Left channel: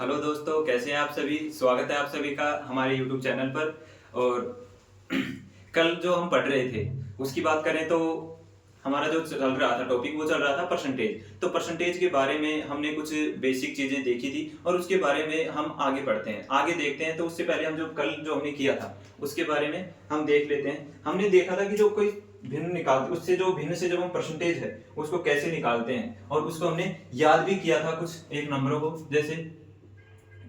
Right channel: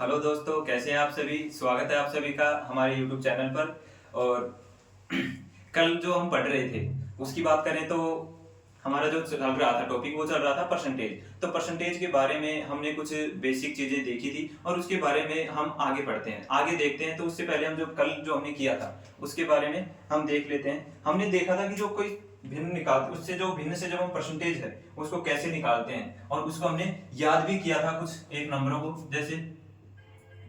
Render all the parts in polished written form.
Hello दोस्तों, कैसे हैं आप सभी। स्वागत है आप सभी का हमारे YouTube चैनल पर। और कल जो हम पढ़ रहे थे उसकी बात करें तो हमारा जो चल रहा था टॉपिक वो चल रहा था परसेंटेज। तो परसेंटेज के बारे में हमने कुछ बेसिक चीजें देखी थी और उसके बारे में हम आगे पढ़ते हैं, आगे देखते हैं। तो उससे पहले हम जो कल जो हमने किया था उसके बारे में हम देख लेते हैं। हमने देखा था कि जो कोई भिन्न निकाल उससे जो भिन्न से जब हम परसेंटेज है उसको कैसे निकालते हैं, और उसको हमने याद भी किया था कुछ एक नंबरों को। जैसे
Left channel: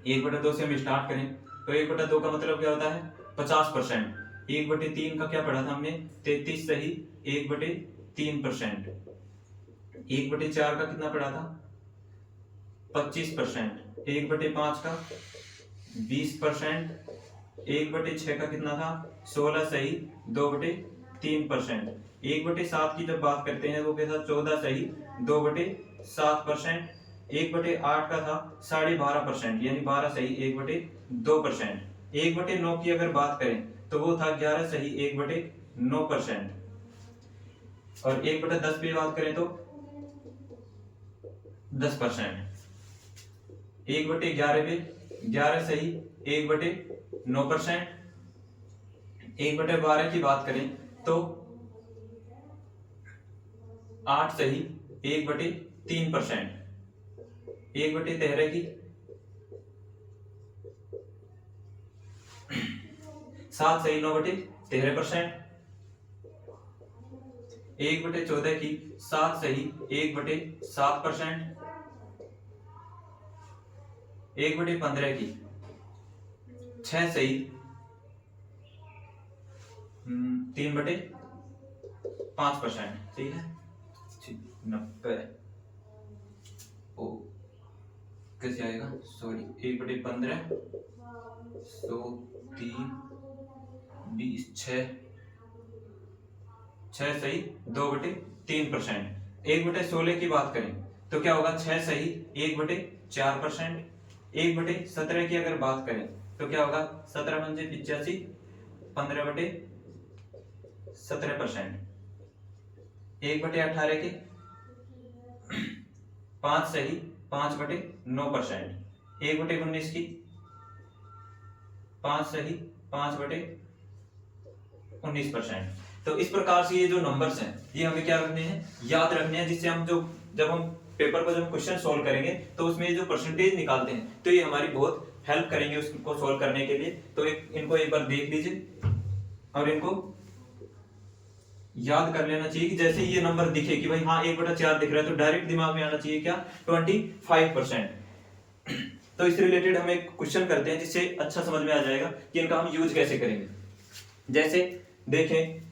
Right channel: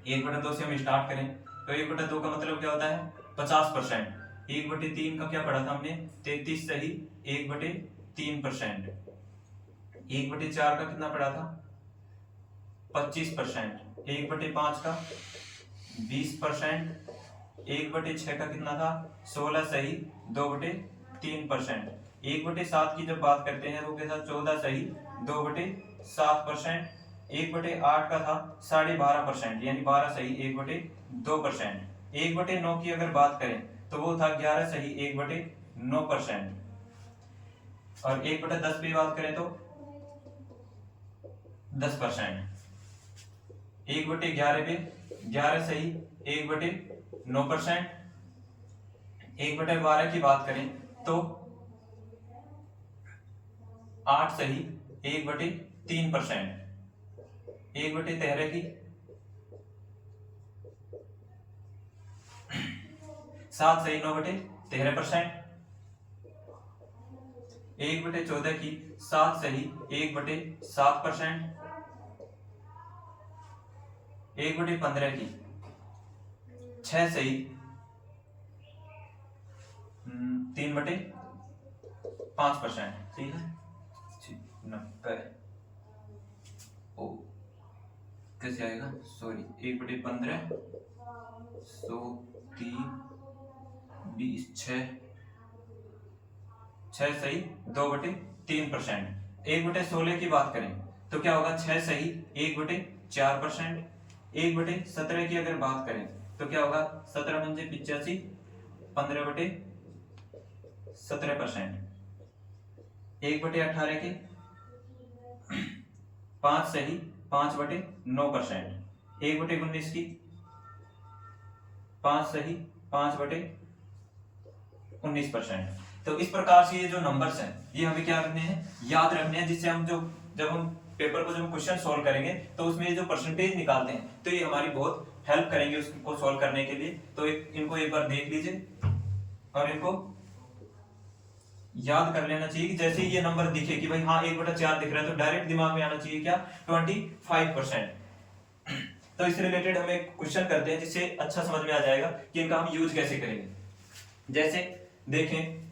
1/2 से हम स्टार्ट करें तो 1/2 का मतलब क्या होता है 50%। 1/3 का क्या पढ़ा था हमने 33 सही 1/3%। 1/4 का कितना पढ़ा था 25%। 1/5 का 20%। 1/6 का कितना था 16 सही 2/3%। 1/7 की जब बात करते हैं वो क्या था 14 सही 2/7%। 1/8 का था 12.5% यानी 12 सही 1/2%। 1/9 की अगर बात करें तो वो था 11 सही 1/9%। और 1/10 पे बात करें तो 10%। 1/11 पे 11 सही 1/9%। 1/12 की बात करें तो 8 सही 1/3%। 1/13 की 7 सही 9/13%। 1/14 की 7 सही 1/7%। 1/15 की 6 सही 3/5%। सही है। 90 ओ कैसे आएगा, सॉरी 1/15 100 3 20 6 सही 2/3%। 1/16 की बात करें तो क्या होगा 6 सही 1/4%। 1/17 की अगर बात करें तो क्या होगा 17 पंजे 85 15/17%। 1/18 की 5 सही 5/9%। 1/19 की 5 सही 5/19%। तो इस प्रकार से ये जो नंबर्स हैं ये हमें क्या रखने हैं, याद रखने हैं, जिससे हम जो जब हम पेपर पर जब क्वेश्चन सॉल्व करेंगे तो उसमें ये जो परसेंटेज निकालते हैं तो ये हमारी बहुत हेल्प करेंगे उसको सॉल्व करने के लिए। तो इनको एक बार देख लीजिए और इनको याद कर लेना चाहिए कि जैसे ये नंबर दिखे कि भाई हाँ 1/4 दिख रहा है तो डायरेक्ट दिमाग में आना चाहिए क्या 25%। तो इससे रिलेटेड हम एक क्वेश्चन करते हैं जिससे अच्छा समझ में आ जाएगा कि इनका हम यूज कैसे करेंगे। जैसे देखें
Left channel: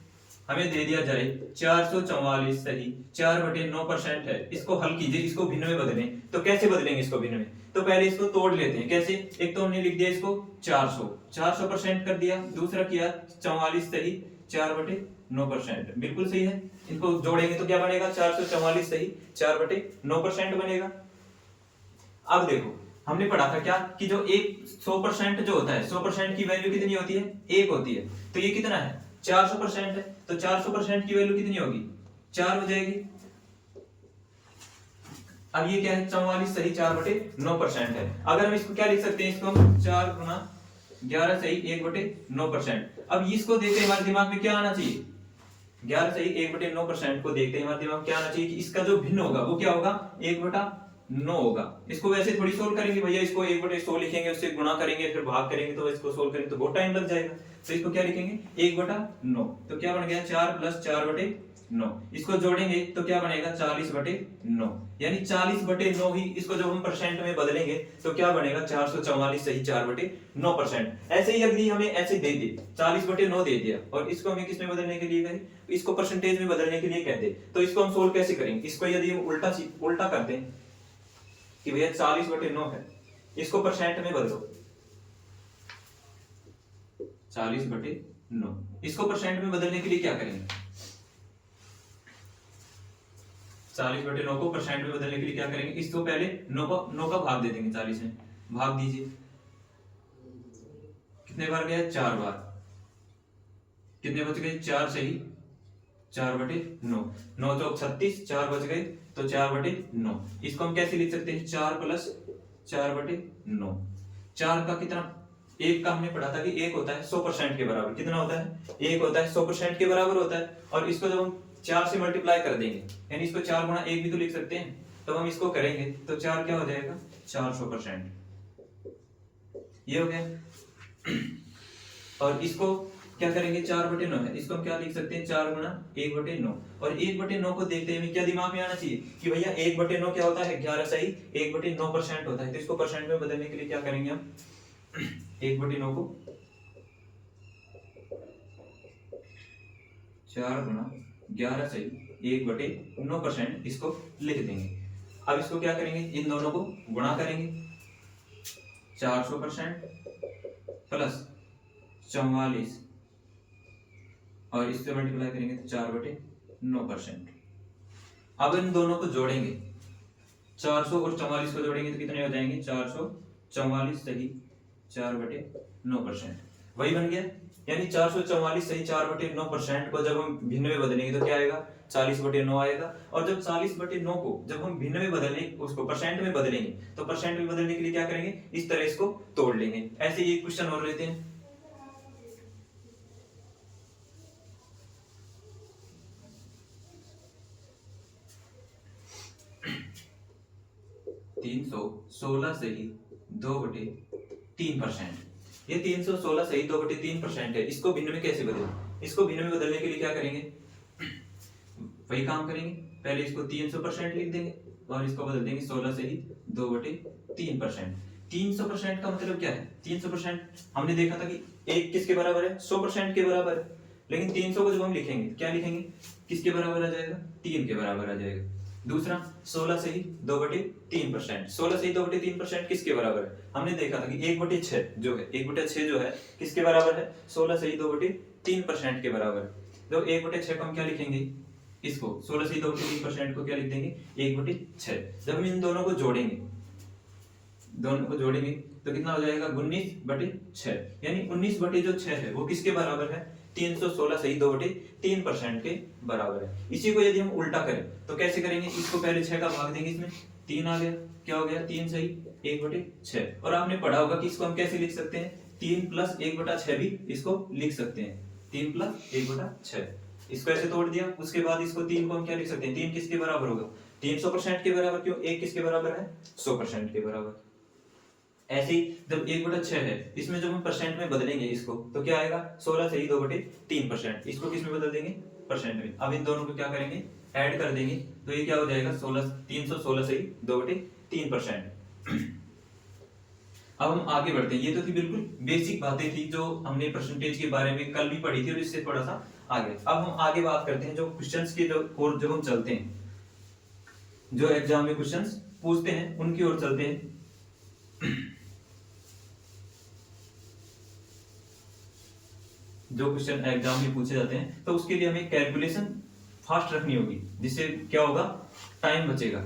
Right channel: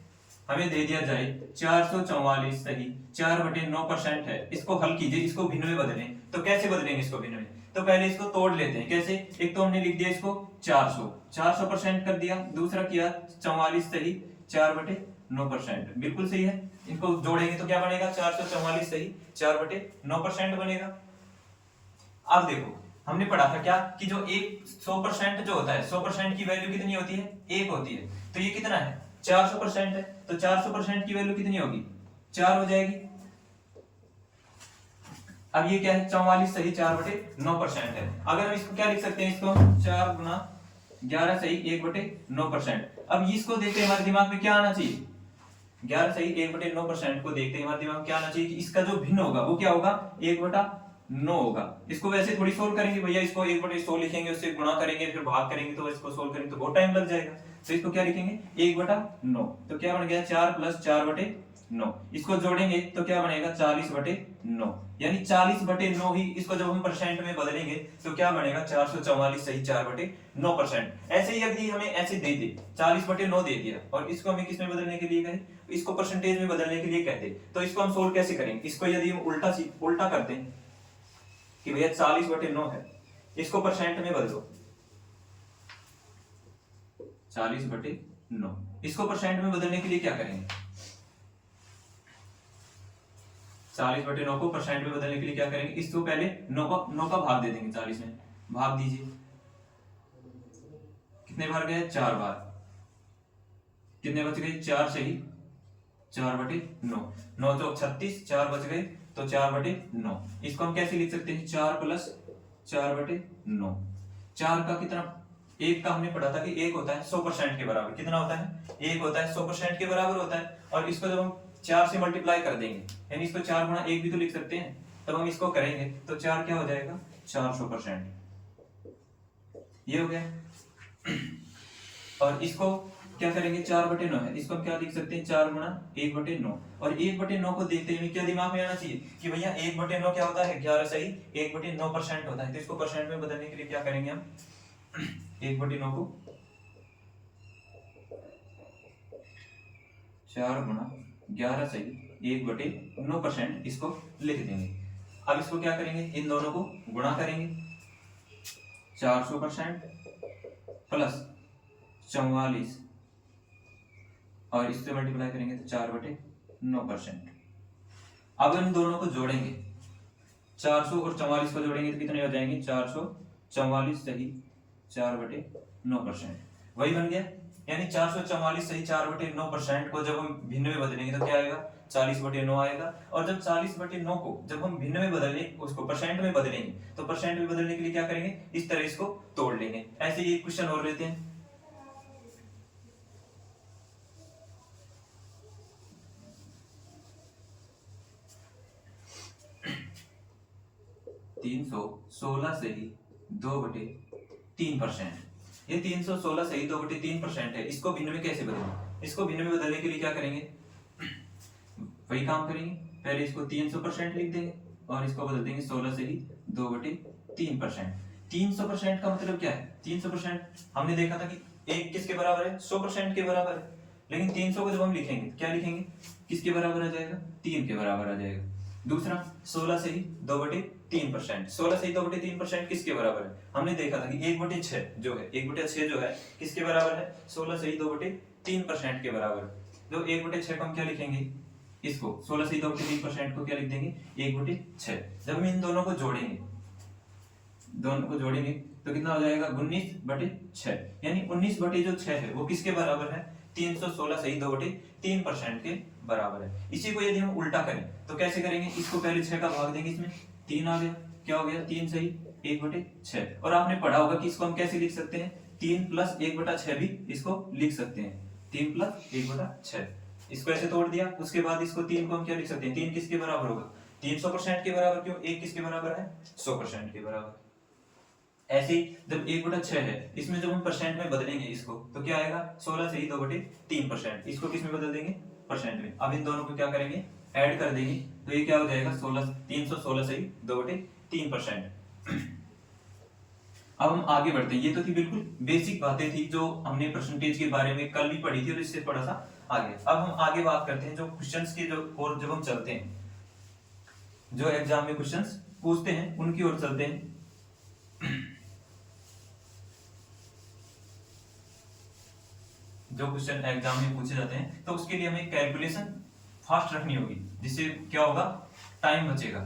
हमें दे दिया जाए 444 सही 4/9% है, इसको हल कीजिए, इसको भिन्न में बदलें। तो कैसे बदलेंगे इसको भिन्न में, तो पहले इसको तोड़ लेते हैं। कैसे, एक तो हमने लिख दिया इसको 400% कर दिया, दूसरा किया 44 सही 4/9%, बिल्कुल सही है। इनको जोड़ेंगे तो क्या बनेगा 444 सही 4/9% बनेगा। अब देखो हमने पढ़ा था क्या कि जो एक 100% जो होता है 100% की वैल्यू कितनी होती है, एक होती है। तो ये कितना है 400% है, तो 400% की वैल्यू कितनी होगी 4 हो जाएगी। अब ये क्या है 44 सही 4/9% है। अगर हम इसको क्या लिख सकते हैं, इसको 4 गुना 11 सही 1/9%। अब इसको देखते हमारे दिमाग में क्या आना चाहिए, 11 सही 1/9% को देखते ही हमारे दिमाग में क्या आना चाहिए कि इसका जो भिन्न होगा वो क्या होगा 1/9 होगा। इसको वैसे थोड़ी सोल्व करेंगे भैया, इसको 1/100 लिखेंगे, उससे गुणा करेंगे फिर भाग करेंगे, तो इसको सोल्व करेंगे तो बहुत टाइम लग जाएगा। तो इसको क्या लिखेंगे 1/9। तो क्या बन गया 4 + 4/9। इसको जोड़ेंगे तो क्या बनेगा 40/9, यानी 40/9 ही इसको जब हम परसेंट में बदलेंगे तो क्या बनेगा 444 सही 4/9%। ऐसे ही यदि हमें ऐसे दे दे 40/9 दे दिया और इसको हमें किस में बदलने के लिए कहे, इसको परसेंटेज में बदलने के लिए कहते, तो इसको हम सोल्व कैसे करेंगे। इसको यदि हम उल्टा करते हैं कि भैया 40/9 है, इसको परसेंट में बदलो 40/9, इसको परसेंट में बदलने के लिए क्या करेंगे 40/9 को परसेंट में बदलने के लिए क्या करेंगे, इसको पहले 9 का भाग दे देंगे 40 में, भाग दीजिए कितने बार गए 4 बार, कितने बच गए 4 सही 4/9, 9 चौक 36, 4 बच गए तो 4/9। इसको हम कैसे लिख सकते हैं 4 + 4/9। 4 का कितना, एक का हमने पढ़ा था कि एक होता है 100% के बराबर। कितना होता है, एक होता है 100% के बराबर होता है। और इसको जब हम 4 से मल्टीप्लाई कर देंगे, यानी इसको 4 गुणा 1 भी तो लिख सकते हैं, तब हम इसको करेंगे तो 4 क्या हो जाएगा, 400%। ये हो गया। और इसको क्या करेंगे, 4/9 है, इसको हम क्या लिख सकते हैं, 4 गुणा 1/9। और 1/9 को देखते हुए क्या दिमाग में आना चाहिए कि भैया 1/9 क्या होता है, 11 सही 1/9% होता है। तो इसको परसेंट में बदलने के लिए क्या करेंगे हम, 1/9 को 4 गुणा 11 सही 1/9% इसको लिख देंगे। अब इसको क्या करेंगे, इन दोनों को गुणा करेंगे, 400% प्लस 44 और इससे मल्टीप्लाई करेंगे तो 4/9%। अब इन दोनों को जोड़ेंगे, 400 और 44 को जोड़ेंगे तो कितने हो जाएंगे, 444 सही 4/9%। वही बन गया। यानी 444 सही 4/9% को जब हम भिन्न में बदलेंगे तो क्या आएगा, 40/9 आएगा। और जब 40/9 को जब हम भिन्न में बदलने, उसको परसेंट में बदलेंगे, तो परसेंट में बदलने के लिए क्या करेंगे, इस तरह इसको तोड़ लेंगे। ऐसे ही एक क्वेश्चन और लेते हैं। 316 सही 2/3%। ये 316 सही 2/3% है। इसको भिन्न में कैसे बदलें, इसको भिन्न में बदलने के लिए क्या करेंगे, वही काम करेंगे, पहले इसको 300% लिख देंगे और इसको बदल देंगे 16 सही 2/3%। 300% का मतलब क्या है, 300% हमने देखा था कि एक किसके बराबर है, 100% के बराबर है। लेकिन 300 को जब हम लिखेंगे क्या लिखेंगे, किसके बराबर आ जाएगा, 3 के बराबर आ जाएगा। दूसरा 16 सही 2/3%। 16 सही 2/3% किसके बराबर है, हमने देखा था कि 1/6 जो है, 1/6 जो है किसके बराबर है, 16 सही 2/3% के बराबर है। तो 1/6 को हम क्या लिखेंगे, इसको 16 सही 2/3% को क्या लिख देंगे, 1/6। जब हम इन दोनों को जोड़ेंगे, दोनों को जोड़ेंगे तो कितना हो जाएगा, 19/6। यानी 19/6 है वो किसके बराबर है, 316 सही 2/3% के बराबर है। इसी को यदि हम उल्टा करें तो कैसे करेंगे, इसको पहले 6 का भाग देंगे, इसमें 3 आ गया, क्या हो गया, 3 सही 1/6। और आपने पढ़ा होगा कि इसको हम कैसे लिख सकते हैं, 3 + 1/6 भी इसको लिख सकते हैं, 3 + 1/6। इसको ऐसे तोड़ दिया। उसके बाद इसको 3 को हम क्या लिख सकते हैं, 3 किसके बराबर होगा, 300% के बराबर। क्यों, 1 किसके बराबर है, 100% के बराबर। ऐसे ही जब 1/6 है, इसमें जब हम परसेंट में बदलेंगे इसको तो क्या आएगा, 16 सही 2/3%। इसको किस में बदल देंगे, परसेंट में। अब इन दोनों को क्या करेंगे, ऐड कर देंगे तो ये क्या हो जाएगा, 316 सही 2/3%। अब हम आगे बढ़ते हैं। ये तो थी बिल्कुल बेसिक बातें थी जो हमने परसेंटेज के बारे में कल भी पढ़ी थी और इससे थोड़ा सा आगे। अब हम आगे बात करते हैं जो क्वेश्चंस की ओर जब हम चलते हैं, जो एग्जाम में क्वेश्चंस पूछते हैं उनकी ओर चलते हैं। जो क्वेश्चन एग्जाम में पूछे जाते हैं तो उसके लिए हमें कैलकुलेशन फास्ट रखनी होगी, जिससे क्या होगा, टाइम बचेगा।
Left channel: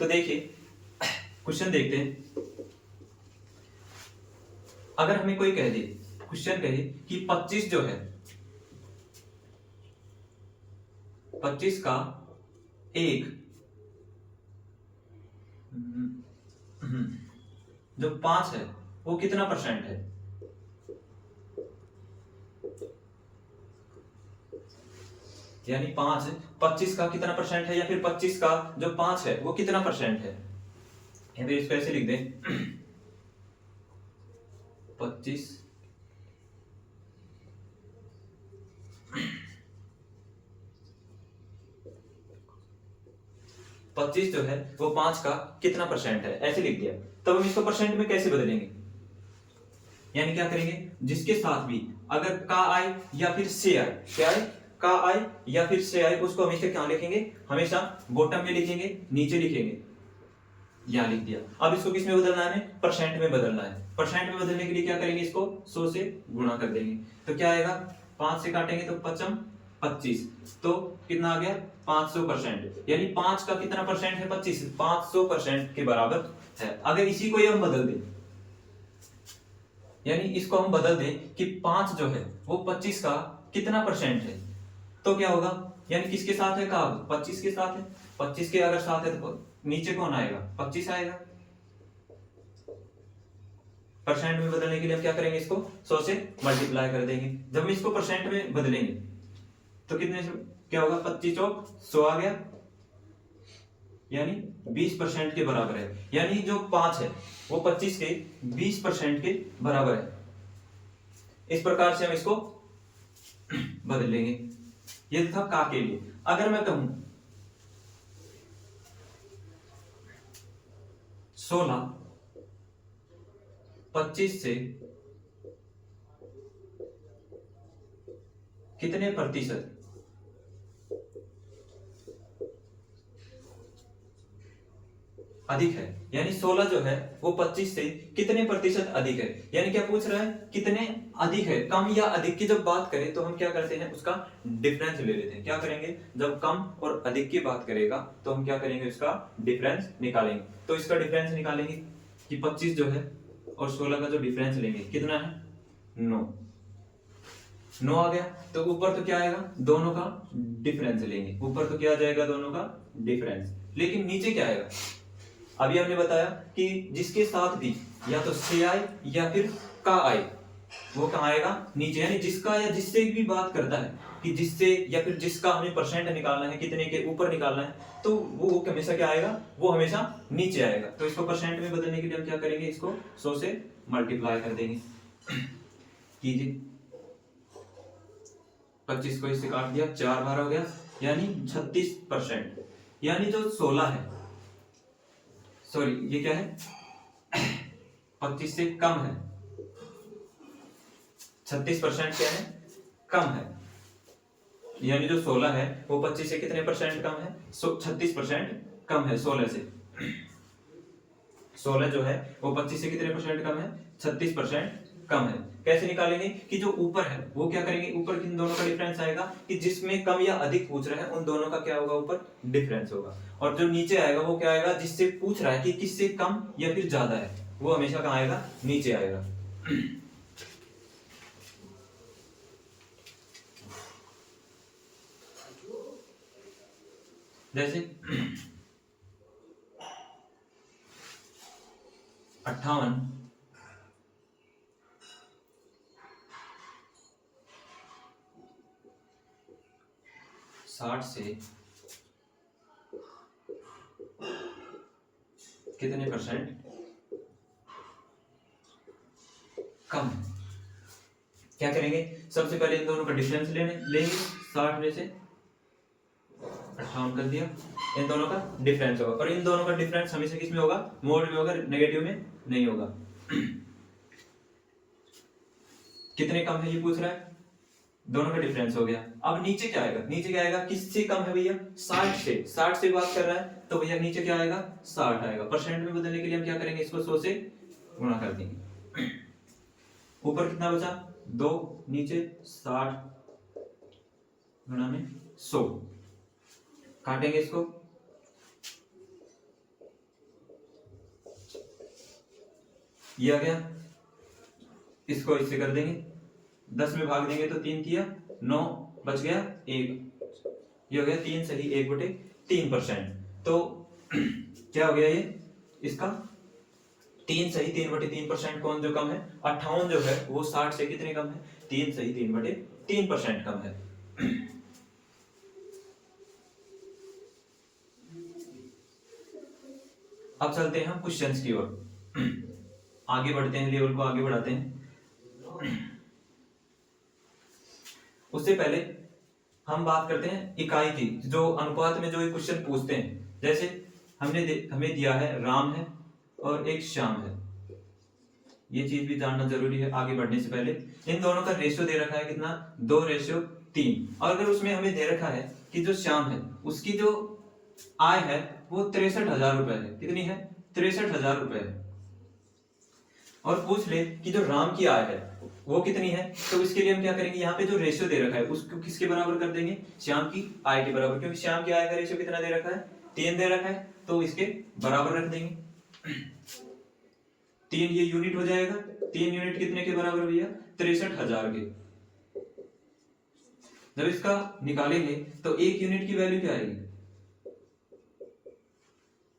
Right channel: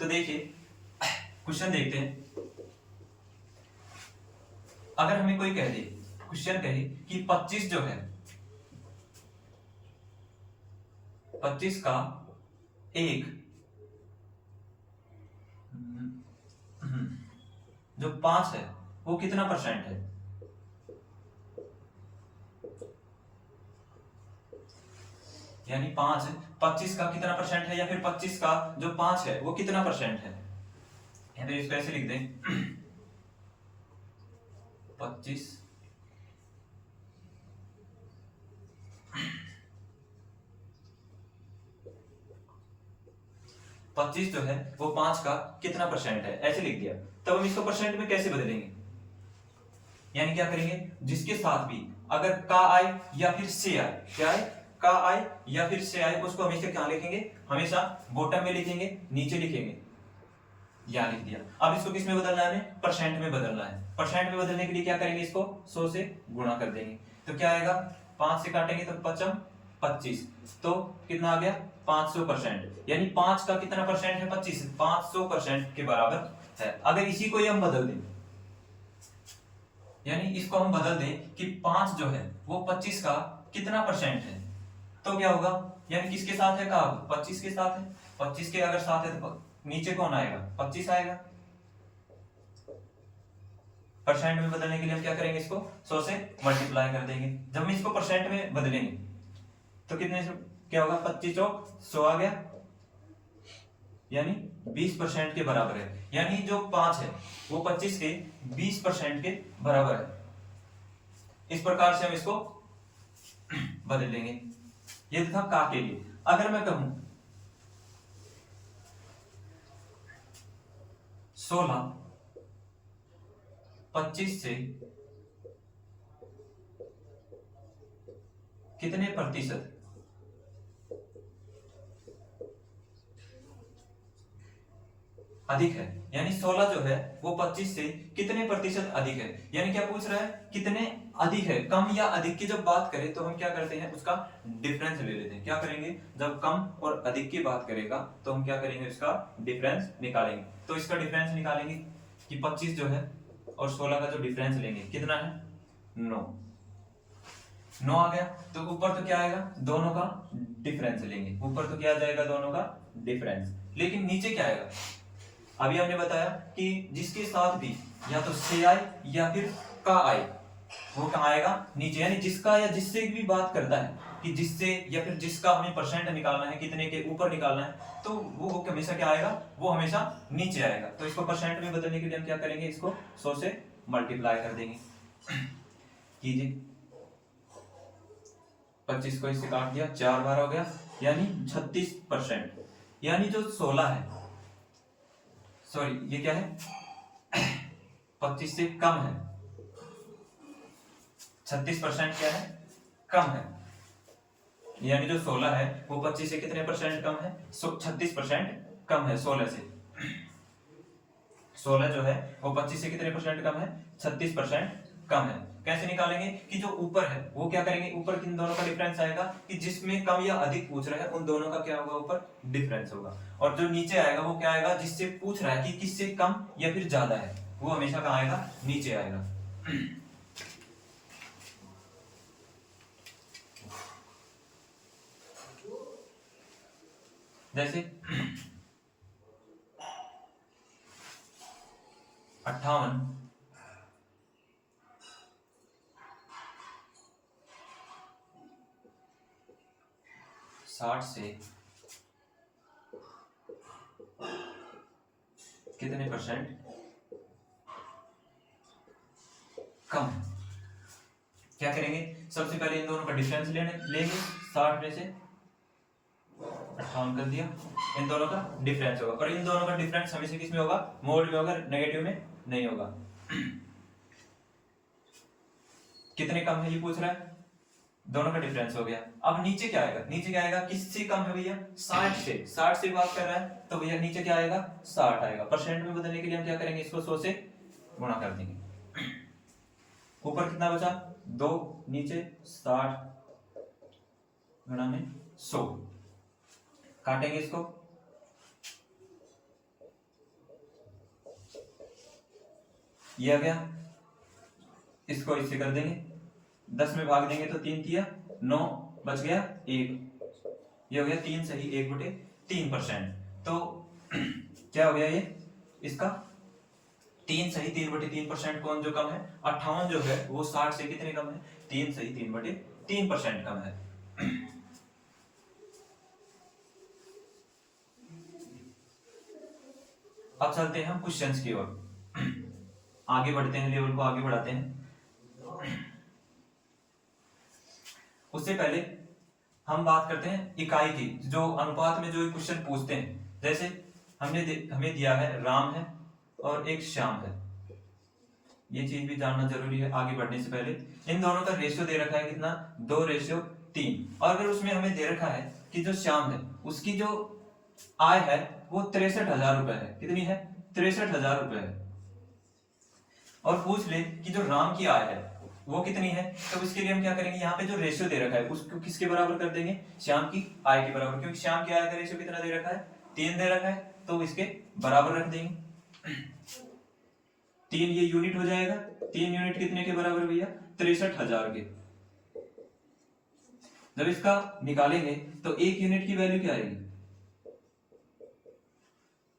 तो देखिए क्वेश्चन देखते हैं। अगर हमें कोई कह दे, क्वेश्चन कहे कि 25 जो है, 25 का एक जो 5 है वो कितना परसेंट है, यानी 5 है, 25 का कितना परसेंट है, या फिर 25 का जो 5 है वो कितना परसेंट है। या तो इसको ऐसे लिख दें 25 जो है वो 5 का कितना परसेंट है, ऐसे लिख दिया। तब हम इसको परसेंट में कैसे बदलेंगे, यानी क्या करेंगे, जिसके साथ भी अगर का आए या फिर से आए, क्या आए, का आए या फिर से आए, उसको हमेशा क्या लिखेंगे, हमेशा बॉटम में लिखेंगे, नीचे लिखेंगे। यहां लिख दिया। अब इसको किस में बदलना है, हमें परसेंट में बदलना है। परसेंट में बदलने के लिए क्या करेंगे, इसको 100 से गुणा कर देंगे तो क्या आएगा, 5 से काटेंगे तो 5 25, तो कितना आ गया 500%। यानी 5 का कितना परसेंट है, 25, 500% के बराबर है। अगर इसी को हम बदल दें, यानी इसको हम बदल दें कि 5 जो है वो 25 का कितना परसेंट है, तो क्या होगा, यानी किसके साथ है, का 25 के साथ है, 25 के अगर साथ है तो नीचे कौन आएगा, 25 आएगा। परसेंट में बदलने के लिए हम क्या करेंगे, इसको 100 से मल्टीप्लाई कर देंगे। जब हम इसको परसेंट में बदलेंगे तो कितने से क्या होगा, 25 चौक 100 आ गया, यानी 20% के बराबर है। यानी जो 5 है वो 25 के 20% के बराबर है। इस प्रकार से हम इसको बदल लेंगे। ये था का के लिए। अगर मैं कहूं 16 25 से कितने प्रतिशत अधिक है, यानी 16 जो है वो 25 से कितने प्रतिशत अधिक है। यानी क्या पूछ रहा है, कितने अधिक है। कम या अधिक की जब बात करें तो हम क्या करते हैं, उसका डिफरेंस ले लेते हैं। क्या करेंगे, जब कम और अधिक की बात करेगा तो हम क्या करेंगे, उसका डिफरेंस निकालेंगे। तो इसका डिफरेंस निकालेंगे कि 25 जो है और 16 का जो डिफरेंस लेंगे कितना है, 9 आ गया। तो ऊपर तो क्या आएगा, दोनों का डिफरेंस लेंगे। ऊपर तो क्या आ जाएगा, दोनों का डिफरेंस। लेकिन नीचे क्या आएगा, अभी हमने बताया कि जिसके साथ भी या तो से आए या फिर का आए, वो कहाँ आएगा, नीचे। यानी जिसका या जिससे भी बात करता है कि जिससे या फिर जिसका हमें परसेंट निकालना है, कितने के ऊपर निकालना है, तो वो हमेशा क्या आएगा, वो हमेशा नीचे आएगा। तो इसको परसेंट में बदलने के लिए हम क्या करेंगे, इसको 100 से मल्टीप्लाई कर देंगे। कीजिए, 25 को इससे काट दिया, 4 बार हो गया, यानी 36%। यानी जो 16 है, सॉरी ये क्या है, 25 से कम है। 36% क्या है, कम है। यानी जो 16 है वो 25 से कितने परसेंट कम है, 36% कम है 16 से। 16 जो है वो 25 से कितने परसेंट कम है, 36% कम है। कैसे निकालेंगे कि जो ऊपर है वो क्या करेंगे, ऊपर किन दोनों का डिफरेंस आएगा कि जिसमें कम या अधिक पूछ रहा है उन दोनों का क्या होगा, ऊपर डिफरेंस होगा। और जो नीचे आएगा वो क्या आएगा, जिससे पूछ रहा है कि किससे कम या फिर ज्यादा है, वो हमेशा कहाँ आएगा, नीचे आएगा। जैसे 58 60 से कितने परसेंट कम है। क्या करेंगे, सबसे पहले इन दोनों का डिफरेंस लेंगे। 60 में से 58 कर दिया, इन दोनों का डिफरेंस होगा। और इन दोनों का डिफरेंस हमेशा किस में होगा, मोड में होगा, नेगेटिव में नहीं होगा। कितने कम है ये पूछ रहा है, दोनों का डिफरेंस हो गया। अब नीचे क्या आएगा, नीचे क्या आएगा, किससे कम है भैया, 60 से। 60 से बात कर रहा है तो भैया नीचे क्या आएगा, 60 आएगा। परसेंट में बदलने के लिए हम क्या करेंगे, इसको 100 से गुणा कर देंगे। ऊपर कितना बचा, 2, नीचे 60 गुणा में 100, काटेंगे इसको, ये आ गया। इसको इससे कर देंगे, 10 में भाग देंगे तो 3 किया 9, बच गया 1। ये हो गया 3 सही 1/3%। तो क्या हो गया ये, इसका 3 सही 3/3% कौन जो कम है, 58 जो है वो 60 से कितने कम है, 3 सही 3/3% कम है। अब चलते हैं हम क्वेश्चंस की ओर, आगे बढ़ते हैं, लेवल को आगे बढ़ाते हैं। उससे पहले हम बात करते हैं इकाई की, जो अनुपात में जो ये क्वेश्चन पूछते हैं। जैसे हमें दिया है राम है और एक श्याम है, ये चीज भी जानना जरूरी है आगे बढ़ने से पहले। इन दोनों का रेशियो दे रखा है कितना, 2:3। और अगर उसमें हमें दे रखा है कि जो श्याम है उसकी जो आय है वो 63,000 रुपए है, कितनी है, 63,000 रुपए है। और पूछ ले कि जो राम की आय है वो कितनी है, तो इसके लिए हम क्या करेंगे, यहाँ पे जो रेशियो दे रखा है उसको किसके बराबर कर देंगे, श्याम की आय के बराबर। क्योंकि श्याम की आय का रेशियो कितना दे रखा है, 3 दे रखा है, तो इसके बराबर रख देंगे। 3 ये यूनिट हो जाएगा, 3 यूनिट कितने के बराबर भैया, 63,000 के। जब इसका निकालेंगे तो 1 यूनिट की वैल्यू क्या आएगी,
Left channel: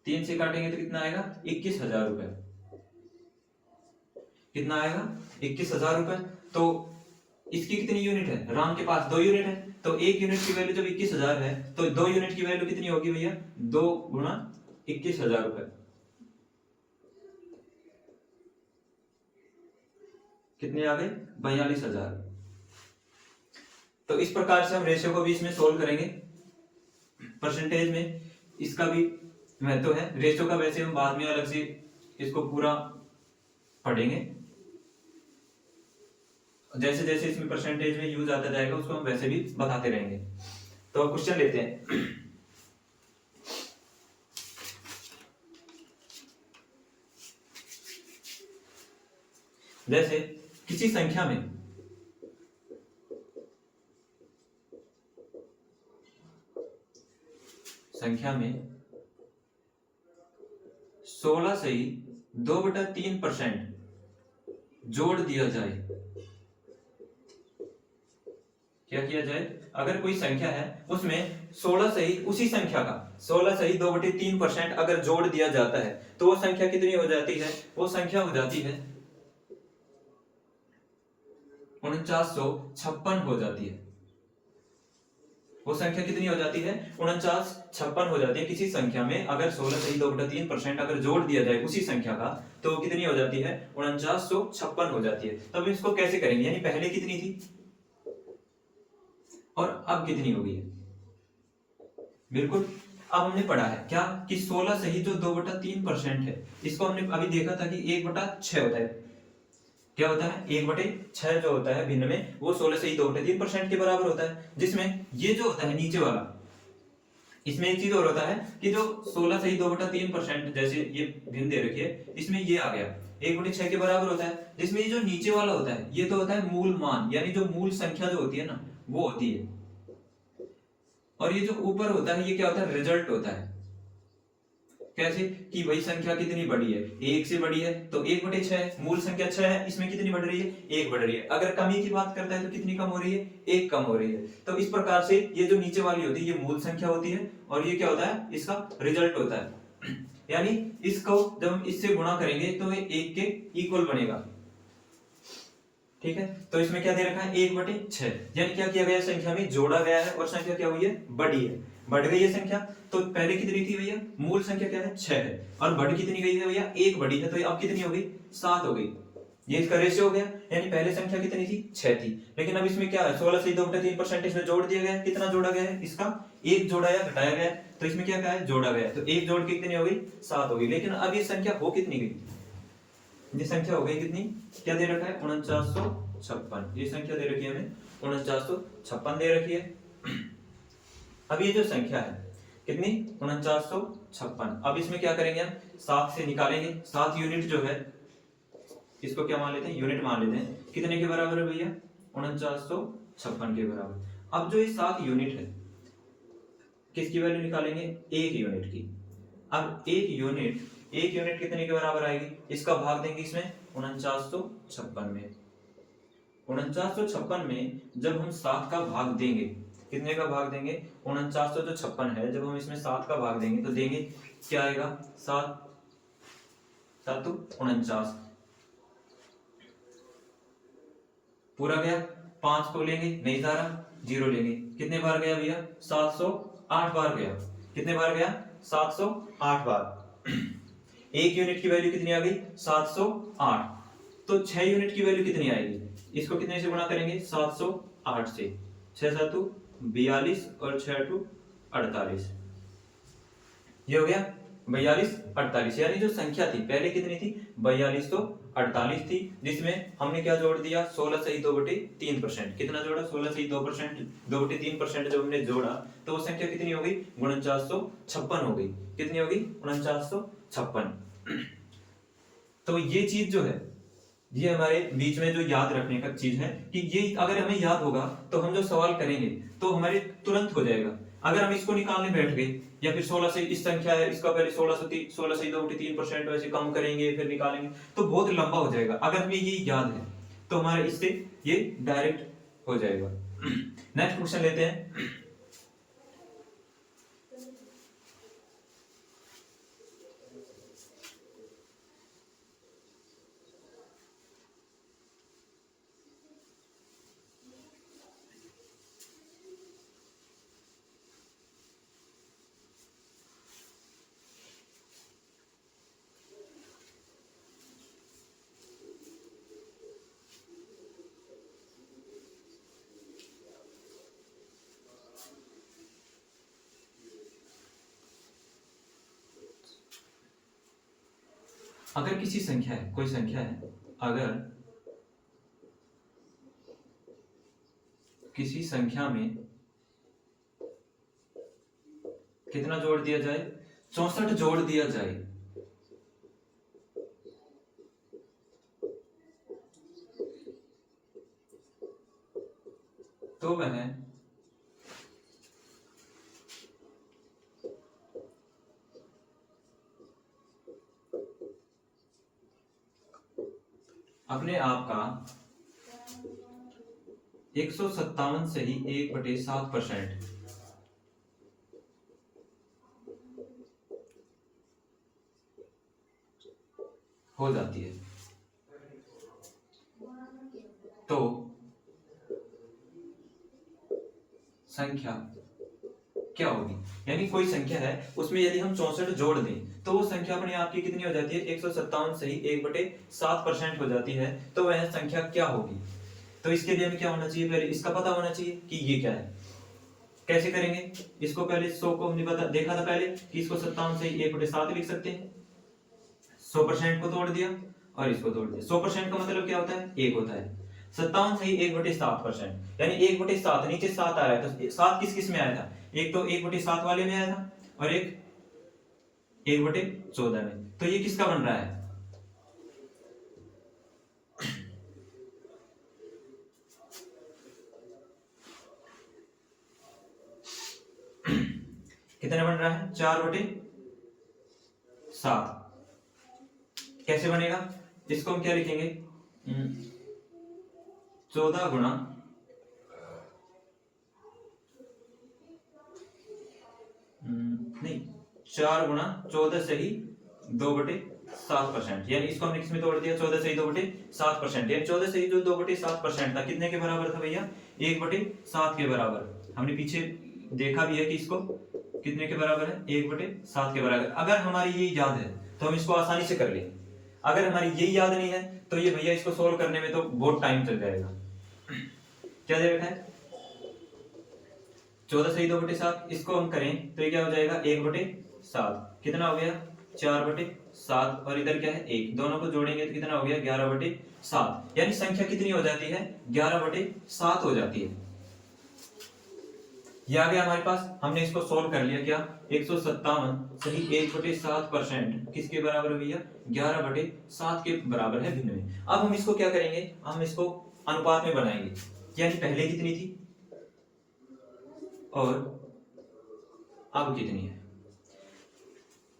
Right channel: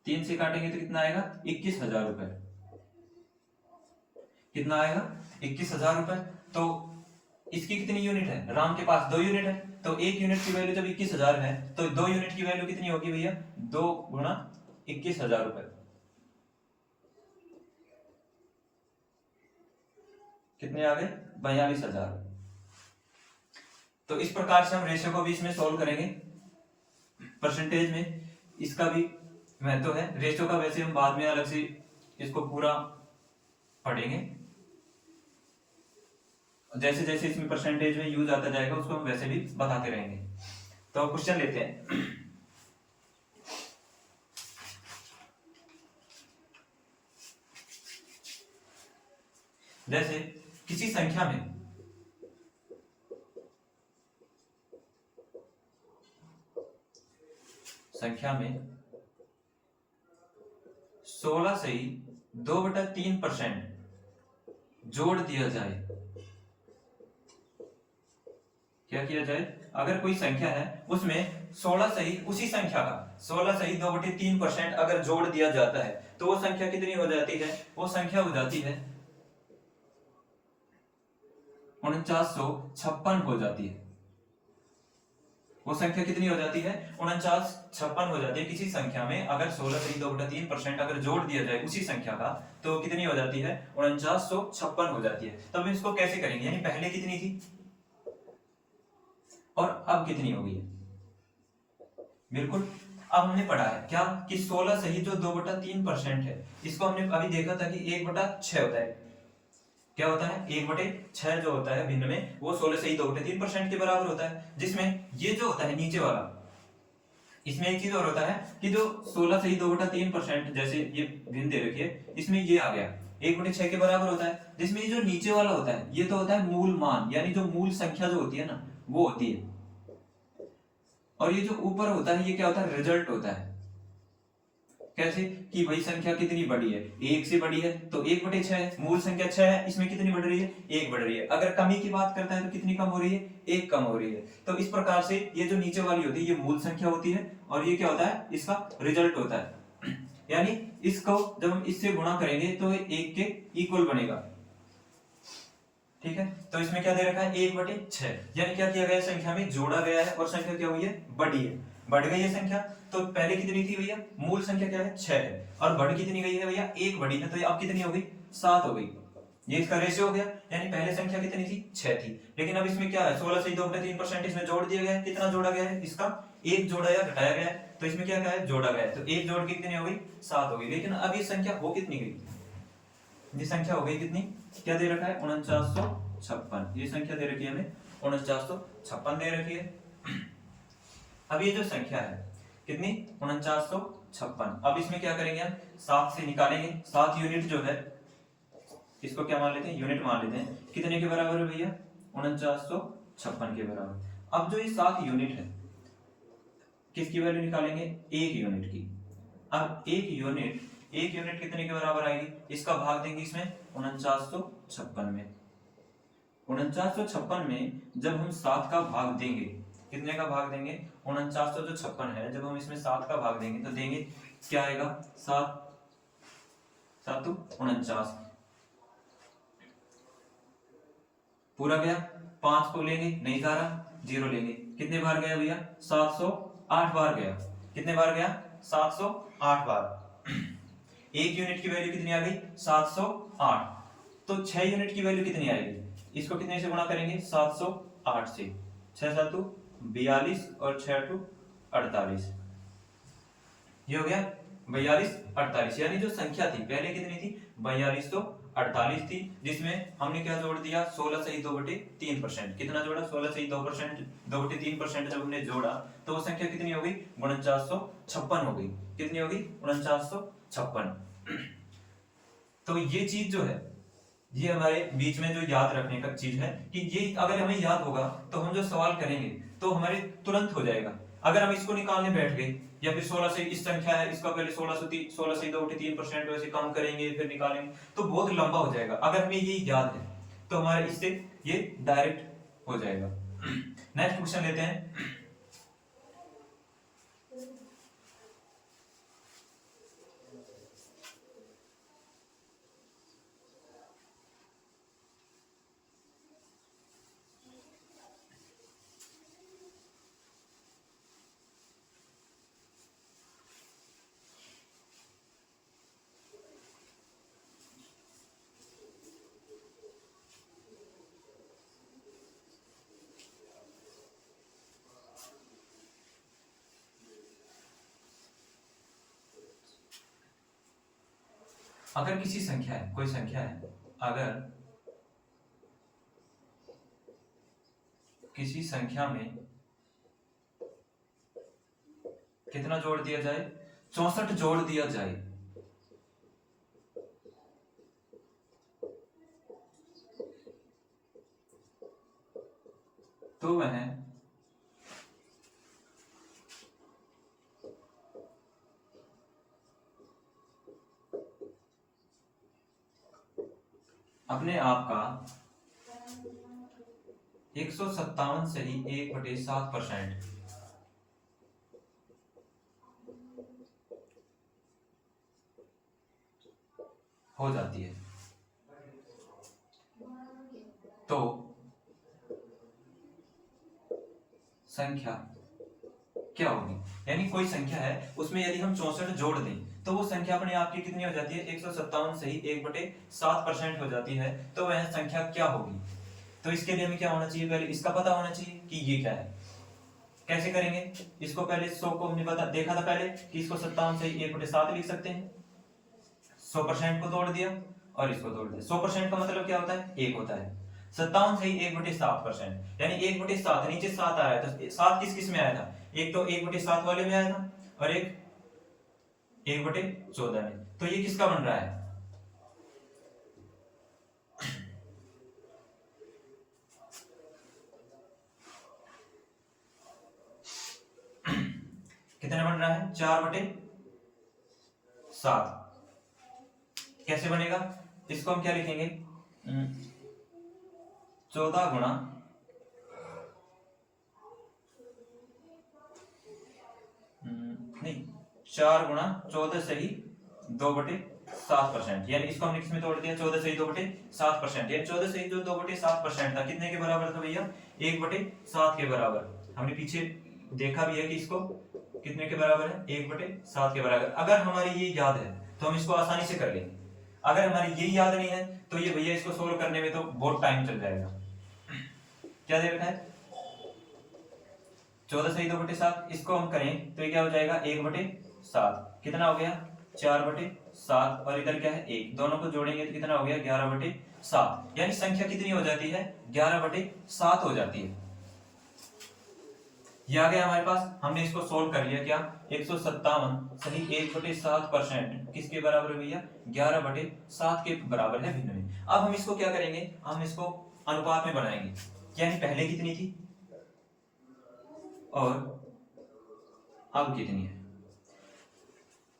3 से काटेंगे तो कितना आएगा 21,000 रुपए। कितना आएगा 21,000 रुपए। तो इसकी कितनी यूनिट है, राम के पास 2 यूनिट है, तो 1 यूनिट की वैल्यू जब 21,000 है तो 2 यूनिट की वैल्यू कितनी होगी भैया, 2 गुना 21,000 रुपए, कितने आ गए 42,000। तो इस प्रकार से हम रेशियो को भी इसमें सोल्व करेंगे। परसेंटेज में इसका भी महत्व है, रेशियो का वैसे हम बाद में अलग से इसको पूरा पढ़ेंगे, जैसे जैसे इसमें परसेंटेज में यूज आता जाएगा उसको हम वैसे भी बताते रहेंगे। तो क्वेश्चन लेते हैं। जैसे किसी संख्या में संख्या में 16 से ही 2/3% जोड़ दिया जाए। क्या किया जाए, अगर कोई संख्या है उसमें 16 से ही उसी संख्या का 16 से ही 2/3% अगर जोड़ दिया जाता है तो वो संख्या कितनी हो जाती है, वो संख्या हो जाती है 4956 हो जाती है। वो संख्या कितनी हो जाती है 4956 हो जाती है। किसी संख्या में अगर 16 से ही 2/3% अगर जोड़ दिया जाए उसी संख्या का तो कितनी हो जाती है 4956 हो जाती है। तब इसको कैसे करेंगे, यानी पहले कितनी थी और अब कितनी होगी। बिल्कुल, अब हमने पढ़ा है क्या कि 16 से ही जो 2/3% है इसको हमने अभी देखा था कि 1/6 होता है। क्या होता है 1/6 जो होता है भिन्न में वो 16 से ही 2/3% के बराबर होता है। जिसमें ये जो होता है नीचे वाला, इसमें एक चीज और होता है कि जो 16 से ही 2/3% जैसे ये भिन्न दे रखी है इसमें ये आ गया 1/6 के बराबर होता है। जिसमें ये जो नीचे वाला होता है ये तो होता है मूल मान, यानी जो मूल संख्या जो होती है ना वो होती है, और ये जो ऊपर होता है ये क्या होता है रिजल्ट होता है। कैसे कि वही संख्या कितनी बड़ी है, 1 से बड़ी है तो 1/6, मूल संख्या 6 है इसमें कितनी बढ़ रही है 1 बढ़ रही है। अगर कमी की बात करता है तो कितनी कम हो रही है 1 कम हो रही है। तो इस प्रकार से ये जो नीचे वाली होती है ये मूल संख्या होती है और ये क्या होता है इसका रिजल्ट होता है। यानी इसको जब हम इससे गुणा करेंगे तो ये 1 के इक्वल बनेगा। ठीक है, तो इसमें क्या दे रखा है 1/6, यानी क्या किया गया संख्या में जोड़ा गया है और संख्या क्या हुई है बढ़ी है, बढ़ गई है संख्या। तो पहले कितनी थी भैया, मूल संख्या क्या है 6 है और बढ़ कितनी गई है भैया 1 बढ़ी है, तो ये अब कितनी हो गई 7 हो गई। ये इसका रेशियो हो गया, यानी पहले संख्या कितनी थी 6 थी, लेकिन अब इसमें क्या है 16 से 2/3% इसमें जोड़ दिया गया है। कितना जोड़ा गया है, इसका 1 जोड़ा या घटाया गया है, तो इसमें क्या है जोड़ा गया है, तो 1 जोड़ के कितनी हो गई 7 हो गई। लेकिन अब ये संख्या हो कितनी गई, ये संख्या हो गई कितनी, क्या दे रखा है 4956, ये संख्या दे रखी है हमें 4956 दे रखी है। अब ये जो संख्या है कितनी 4956, अब इसमें क्या करेंगे हम 7 से निकालेंगे। 7 यूनिट जो है इसको क्या मान लेते हैं यूनिट मान लेते हैं, कितने के बराबर है भैया 4956 के बराबर। अब जो ये 7 यूनिट है किसकी वैल्यू निकालेंगे 1 यूनिट की। अब 1 यूनिट कितने के बराबर आएगी, इसका भाग देंगे इसमें 4956 में। 4956 में जब हम 7 का भाग देंगे, कितने का भाग देंगे 4956 है, जब हम इसमें 7 का भाग देंगे तो देंगे क्या आएगा 7 7 49 पूरा गया। 5 को लेंगे नहीं जा रहा, 0 लेंगे, कितने बार गया भैया 708 बार गया। कितने बार गया 708 बार। 1 यूनिट की वैल्यू कितनी आ गई 708, तो 6 यूनिट की वैल्यू कितनी आएगी, इसको कितने से गुणा करेंगे 708 से, 6 7 42 और 6 2 48, ये हो गया 42 48। यानी जो संख्या थी पहले कितनी थी 42 तो 48 थी, जिसमें हमने क्या जोड़ दिया 16 से ही 2/3%। कितना जोड़ा 16 से ही 2/3% जब हमने जोड़ा तो वो संख्या कितनी हो गई 4956 हो गई। कितनी हो गई 4956। तो ये चीज जो है ये हमारे बीच में जो याद रखने का चीज है कि ये अगर हमें याद होगा तो हम जो सवाल करेंगे तो हमारे तुरंत हो जाएगा। अगर हम इसको निकालने बैठ गए या फिर 16 से इस संख्या है इसका पहले 16 से 2/3% वैसे कम करेंगे फिर निकालेंगे तो बहुत लंबा हो जाएगा। अगर हमें ये याद है तो हमारे इससे ये डायरेक्ट हो जाएगा। नेक्स्ट क्वेश्चन लेते हैं। अगर किसी संख्या है, कोई संख्या है, अगर किसी संख्या में कितना जोड़ दिया जाए, 64 जोड़ दिया जाए, तो वह अपने आप का 157 से ही 1/7% हो जाती है। तो संख्या क्या होगी, यानी कोई संख्या है उसमें यदि हम 64 जोड़ दें तो वो संख्या अपने आप की कितनी हो जाती है, 157 से ही 1/7% हो जाती है। तो वह संख्या क्या होगी। तो इसके लिए हमें क्या होना चाहिए, पहले इसका पता होना चाहिए कि ये क्या है। कैसे करेंगे इसको, पहले 100 को हमने देखा था पहले कि इसको 57 से 1/7 लिख सकते हैं। 100% को तोड़ दिया और इसको तोड़ दिया। 100% का मतलब क्या होता है, 1 होता है। 57 से ही 1/7%, यानी 1/7, नीचे 7 आ रहा है, तो 7 किस किस में आया था, एक तो 1/7 वाले में आया था और एक 1/14 में। तो ये किसका बन रहा है, कितने बन रहा है, 4/7। कैसे बनेगा, इसको हम क्या लिखेंगे, 14 गुणा नहीं 4 गुणा 14 से ही 2/7%, यानी इसको हमने किसमें तोड़ दिया, 14 से ही 2/7%, यानी 14 से ही जो 2/7% था कितने के बराबर था भैया, 1/7 के बराबर। हमने पीछे देखा भी है कि इसको कितने के बराबर है, 1/7 के बराबर। अगर हमारी ये याद है तो हम इसको आसानी से कर लेंगे, अगर हमारी यही याद नहीं है तो ये भैया इसको सोल्व करने में तो बहुत टाइम चल जाएगा। क्या दे रखा है, 14 से ही 2/7, इसको हम करें तो ये क्या हो जाएगा, 1/7, कितना हो गया, 4/7, और इधर क्या है 1, दोनों को जोड़ेंगे तो कितना हो गया, 11/7, यानी संख्या कितनी हो जाती है, 11/7 हो जाती है। ये आ गया हमारे पास, हमने इसको सोल्व कर लिया। क्या, 157 सही 1/7% किसके बराबर है भैया, 11/7 के बराबर है भिन्न में। अब हम इसको क्या करेंगे, हम इसको अनुपात में बनाएंगे, यानी पहले कितनी थी और अब कितनी है।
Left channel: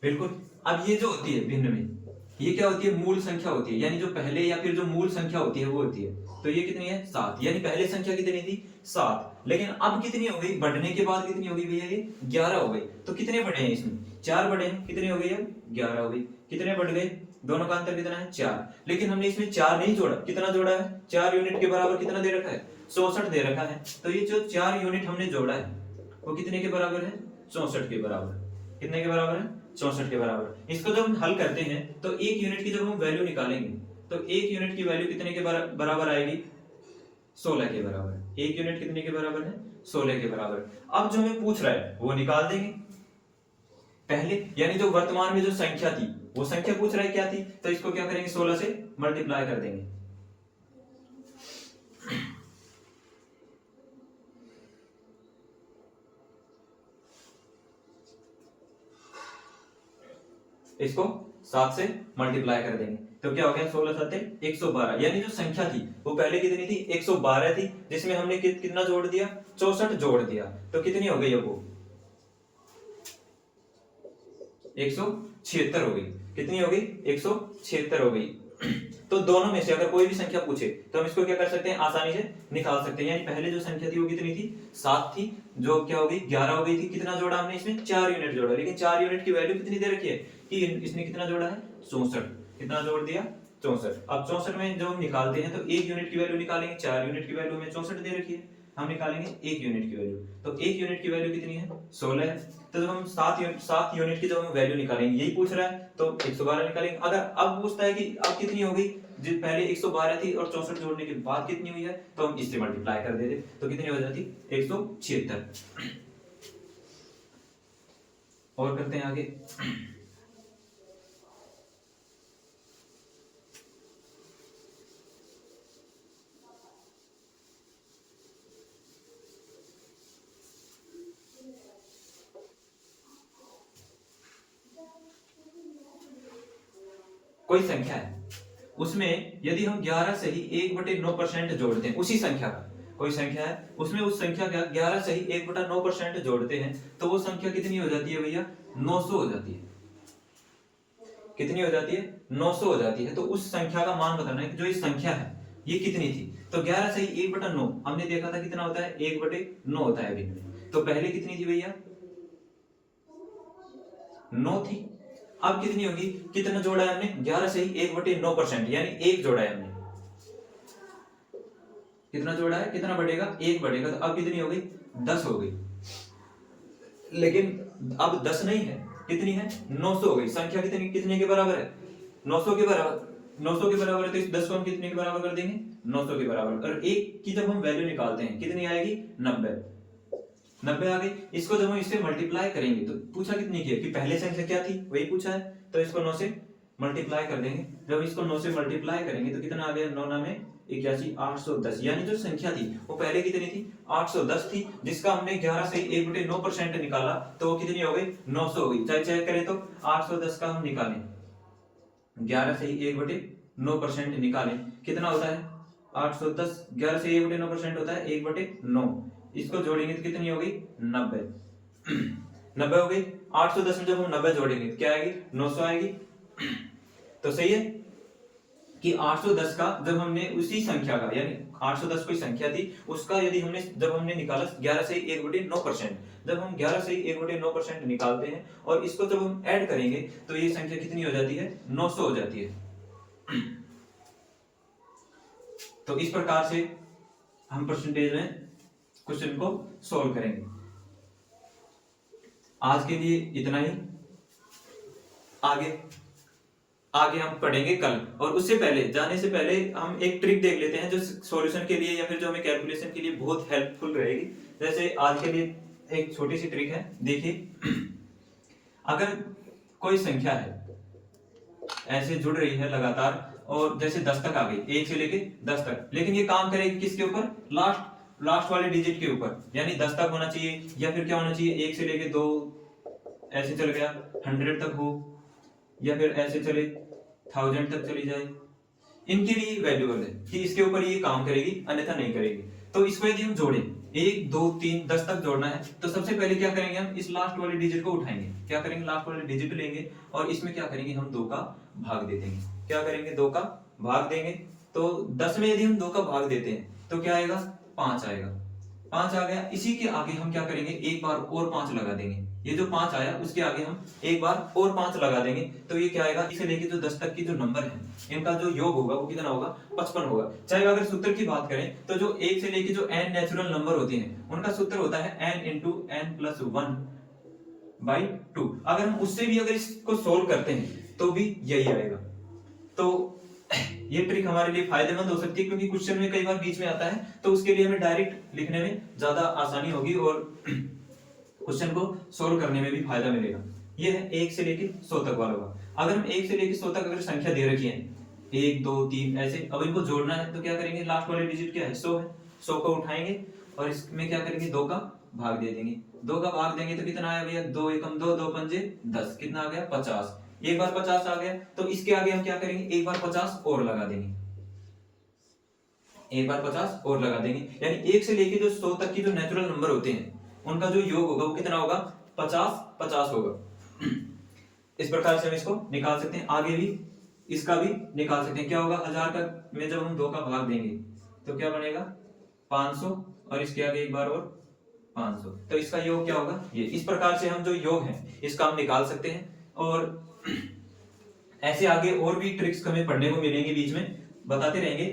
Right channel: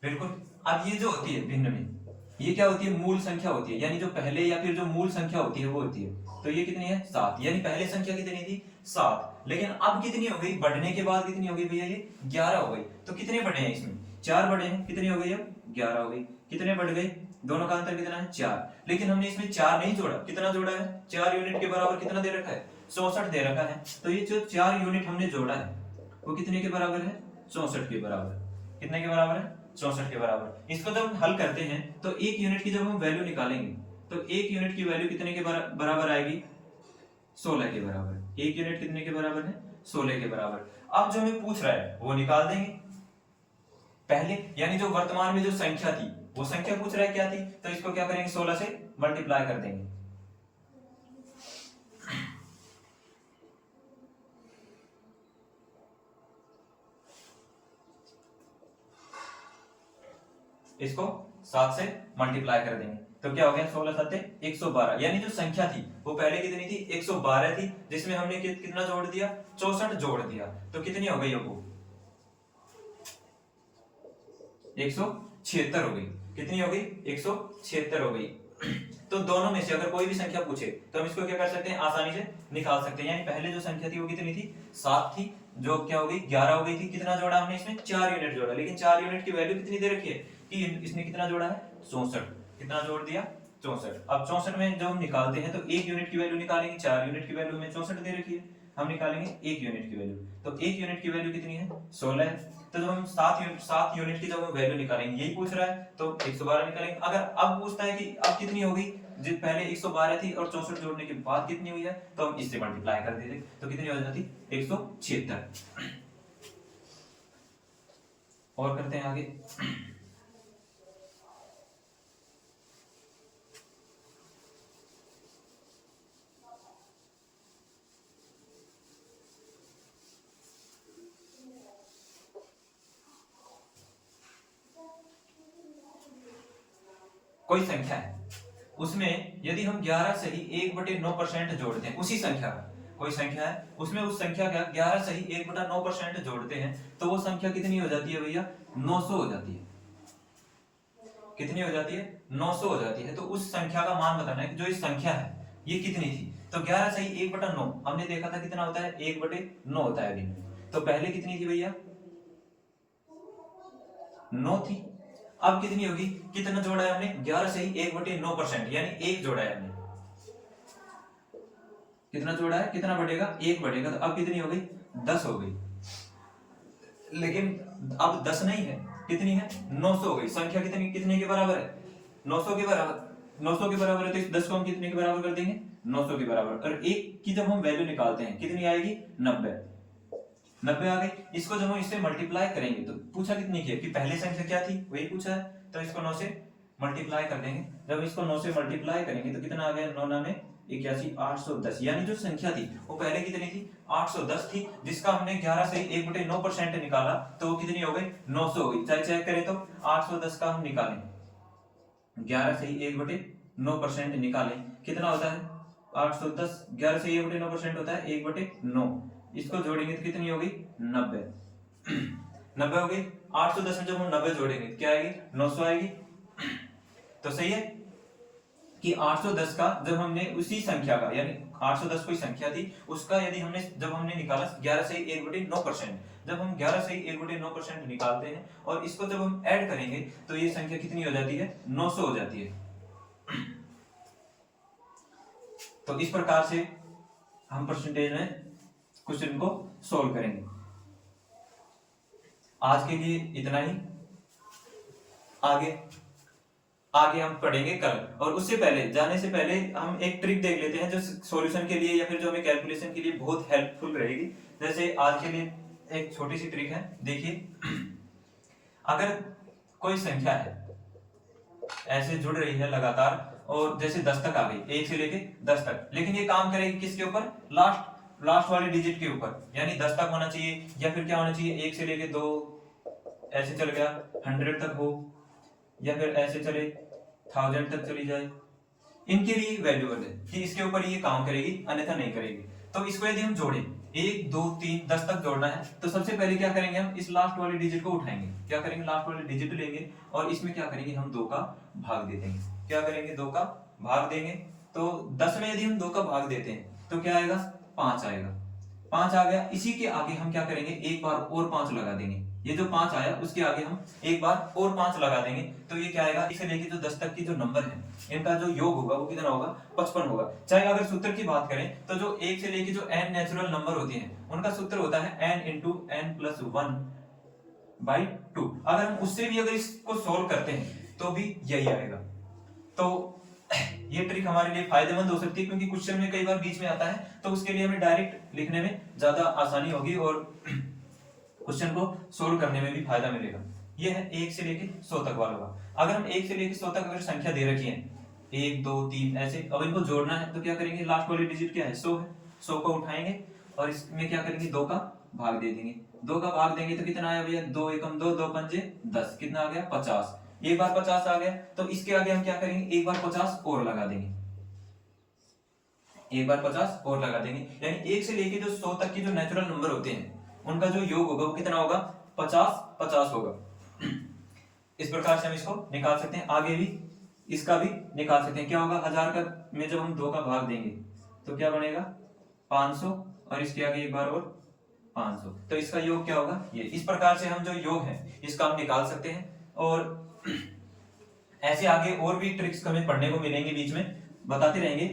बिल्कुल, अब ये जो होती है भिन्न में, ये क्या होती है, मूल संख्या होती है, यानी जो पहले या फिर जो मूल संख्या होती है वो होती है। तो ये कितनी है, 7, यानी पहले संख्या कितनी थी, 7, लेकिन अब कितनी हो गई, बढ़ने के बाद कितनी हो गई भैया, ये 11 हो गई। तो कितने बढ़े हैं इसमें, 4 बढ़े हैं, कितनी हो गई अब, 11 हो गई। कितने बढ़ गए, दोनों का अंतर कितना है, 4, लेकिन हमने इसमें 4 नहीं जोड़ा, कितना जोड़ा है, 4 यूनिट के बराबर कितना दे रखा है, 64 दे रखा है। तो ये जो 4 यूनिट हमने जोड़ा है वो कितने के बराबर है, 64 के बराबर। कितने के बराबर है, 64 के बराबर। इसको जब हम हल करते हैं तो एक यूनिट की जब हम वैल्यू निकालेंगे तो एक यूनिट की वैल्यू कितने के बराबर आएगी, 16 के बराबर। एक यूनिट कितने के बराबर है, 16 के बराबर। अब जो हमें पूछ रहा है वो निकाल देंगे पहले, यानी जो वर्तमान में जो संख्या थी वो संख्या पूछ रहा है क्या थी, तो इसको क्या करेंगे, 16 से मल्टीप्लाई कर देंगे। इसको 7 से मल्टीप्लाई कर देंगे तो क्या हो गया, 16 7 112, यानी जो संख्या थी वो पहले कितनी थी, 112 थी, जिसमें हमने कितना जोड़ दिया, 64 जोड़ दिया। तो कितनी हो गई अब वो, 176 हो गई। कितनी हो गई, 176 हो गई। तो दोनों में से अगर कोई भी संख्या पूछे तो हम इसको क्या कर सकते हैं, आसानी से निकाल सकते हैं। यानी पहले जो संख्या थी वो कितनी थी, 7 थी, जो क्या हो गई 11 हो गई थी। कितना जोड़ा हमने इसमें, 4 यूनिट जोड़ा, लेकिन 4 यूनिट की वैल्यू कितनी दे रखी है कि इसने कितना जोड़ा है, 64। कितना जोड़ दिया, 64। अब 64 में जब हम निकालते हैं तो एक यूनिट की वैल्यू निकालेंगे, 4 यूनिट की वैल्यू हमें 64 दे रखी है, हम निकालेंगे एक यूनिट की वैल्यू। तो एक यूनिट की वैल्यू कितनी है, 16 है। तो जब हम 7 यूनिट की जब हम वैल्यू निकालेंगे, यही पूछ रहा है, तो 112 निकालेंगे। अगर अब पूछता है कि अब कितनी होगी, जो पहले 112 थी और 64 जोड़ने के बाद कितनी हुई है, तो हम इससे मल्टीप्लाई कर देते तो कितनी हो जाती, 176। और करते हैं आगे। कोई संख्या है, उसमें यदि हम 11 सही 1/9% जोड़ते हैं, उसी संख्या का कोई संख्या है, उसमें उस संख्या का 11 सही 1/9% जोड़ते हैं, तो वो संख्या कितनी हो जाती है भैया? 900 हो जाती है। कितनी हो जाती है? 900 हो जाती है। तो उस संख्या का मान बताना है कि जो इस संख्या है ये कितनी थी। तो 11 सही 1/9 हमने देखा था कितना होता है? 1/9 होता है अभी। तो पहले कितनी थी भैया? 9 थी। अब कितनी होगी? कितना जोड़ा है हमने? 11 सही 1/9%, यानी 1 जोड़ा है हमने। कितना जोड़ा है? कितना बढ़ेगा? 1 बढ़ेगा। तो अब कितनी हो गई? 10 हो गई। लेकिन अब 10 नहीं है, कितनी है? 900 हो गई। संख्या कितनी कितने के बराबर है? 900 के बराबर। 900 के बराबर है तो इस 10 को हम कितने के बराबर कर देंगे? 900 के बराबर। और 1 की जब हम वैल्यू निकालते हैं कितनी आएगी? 90 आ गई। इसको जब हम इससे मल्टीप्लाई करेंगे तो पूछा कितनी की है कि पहले संख्या क्या थी वही पूछा है, तो इसको 9 से मल्टीप्लाई कर देंगे। जब इसको 9 से मल्टीप्लाई करेंगे तो कितना आ गया? 9 9 में 81, 810। यानी जो संख्या थी वो पहले कितनी थी? 810 थी, जिसका हमने 11 से 1/9% निकाला तो वो कितनी हो गई? 900 हो गई। चाहे चेक करें तो 810 का हम निकालें, 11 से 1/9% निकालें, कितना होता है? 810। 11 से 1/9% होता है 1/9। इसको जोड़ेंगे तो कितनी हो गई? 90। 90 हो गई। 810 में जब हम 90 जोड़ेंगे तो क्या आएगी? 900 आएगी। तो सही है कि 810 का जब हमने उसी संख्या का, यानी 810 कोई संख्या थी, उसका यदि हमने जब हमने निकाला 11 से 1/9%, जब हम 11 से 1/9% निकालते हैं और इसको जब हम ऐड करेंगे तो ये संख्या कितनी हो जाती है? 900 हो जाती है। तो इस प्रकार से हम परसेंटेज में क्वेश्चन को सोल्व करेंगे। आज के लिए इतना ही। आगे हम पढ़ेंगे कल। और उससे पहले, जाने से पहले हम एक ट्रिक देख लेते हैं जो सॉल्यूशन के लिए या फिर जो हमें कैलकुलेशन के लिए बहुत हेल्पफुल रहेगी। जैसे आज के लिए एक छोटी सी ट्रिक है, देखिए। अगर कोई संख्या है ऐसे जुड़ रही है लगातार और जैसे 10 तक आ गई, 1 से लेके 10 तक, लेकिन ये काम करेगी किसके ऊपर? लास्ट वाले डिजिट के ऊपर, यानी 10 तक होना चाहिए या फिर क्या होना चाहिए? 1 से लेके 2 ऐसे चल गया 100 तक हो, या फिर ऐसे चले 1000 तक चली जाए। इनके लिए वैल्यूएबल है कि इसके ऊपर ये काम करेगी, अन्यथा नहीं करेगी। तो इसको यदि हम जोड़े 1 2 3 10 तक जोड़ना है तो सबसे पहले क्या करेंगे? हम इस लास्ट वाले डिजिट को उठाएंगे। क्या करेंगे? लास्ट वाले डिजिट लेंगे और इसमें क्या करेंगे? हम 2 का भाग दे देंगे। क्या करेंगे? 2 का भाग देंगे। तो 10 में यदि हम 2 का भाग देते हैं तो क्या आएगा? 5 आएगा। 5 आ गया। इसी के आगे हम क्या करेंगे? एक बार और 5 लगा देंगे। ये जो 5 आया उसके आगे हम एक बार और 5 लगा देंगे तो ये क्या आएगा? इसे लेके जो 10 तक की जो नंबर है इनका जो योग होगा वो कितना होगा? 55 होगा। चाहे अगर सूत्र की बात करें तो जो 1 से लेके जो n नेचुरल नंबर होते हैं उनका सूत्र होता है n × n+1/2। अगर हम उससे भी अगर इसको सोल्व करते हैं तो भी यही आएगा। तो ये ट्रिक हमारे लिए फायदेमंद हो सकती है क्योंकि क्वेश्चन में कई बार बीच में आता है, तो उसके लिए हमें डायरेक्ट लिखने में ज्यादा आसानी होगी और क्वेश्चन को सोल्व करने में भी फायदा मिलेगा। ये है 1 से लेके 100 तक वालों का। अगर हम 1 से लेके 100 तक अगर संख्या दे रखी है 1 2 3 ऐसे, अब इनको जोड़ना है तो क्या करेंगे? लास्ट वाले डिजिट क्या है? 100 है। 100 को उठाएंगे और इसमें क्या करेंगे? 2 का भाग दे देंगे। 2 का भाग देंगे तो कितना आया भैया? 2 एकम 2, 2 पंजे 10, कितना आ गया? 50। एक बार 50 आ गया तो इसके आगे हम क्या करेंगे? एक बार 50 और लगा देंगे। एक बार 50 और लगा देंगे, यानी 1 से लेके जो 100 तक की जो नेचुरल नंबर होते हैं उनका जो योग होगा वो कितना होगा? 50 होगा। इस प्रकार से हम इसको निकाल सकते हैं। आगे भी इसका भी निकाल सकते हैं। क्या होगा? 1000 का में जब हम 2 का भाग देंगे तो क्या बनेगा? 500 और इसके आगे एक बार और 500, तो इसका योग क्या होगा? ये। इस प्रकार से हम जो योग है इसका हम निकाल सकते हैं। और ऐसे आगे और भी ट्रिक्स हमें पढ़ने को मिलेंगे, बीच में बताते रहेंगे।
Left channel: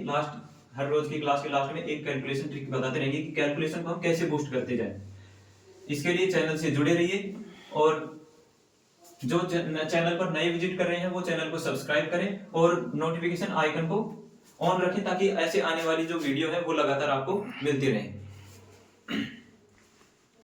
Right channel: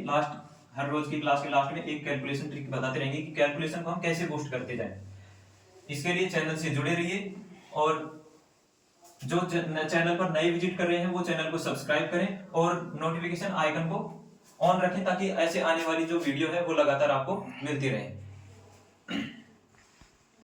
हर रोज की क्लास के लास्ट में एक कैलकुलेशन ट्रिक बताते रहेंगे कि कैलकुलेशन को हम कैसे बूस्ट करते जाएं। इसके लिए चैनल से जुड़े रहिए और जो चैनल पर नए विजिट कर रहे हैं वो चैनल को सब्सक्राइब करें और नोटिफिकेशन आइकन को ऑन रखें ताकि ऐसे आने वाली जो वीडियो है वो लगातार आपको मिलती रहे।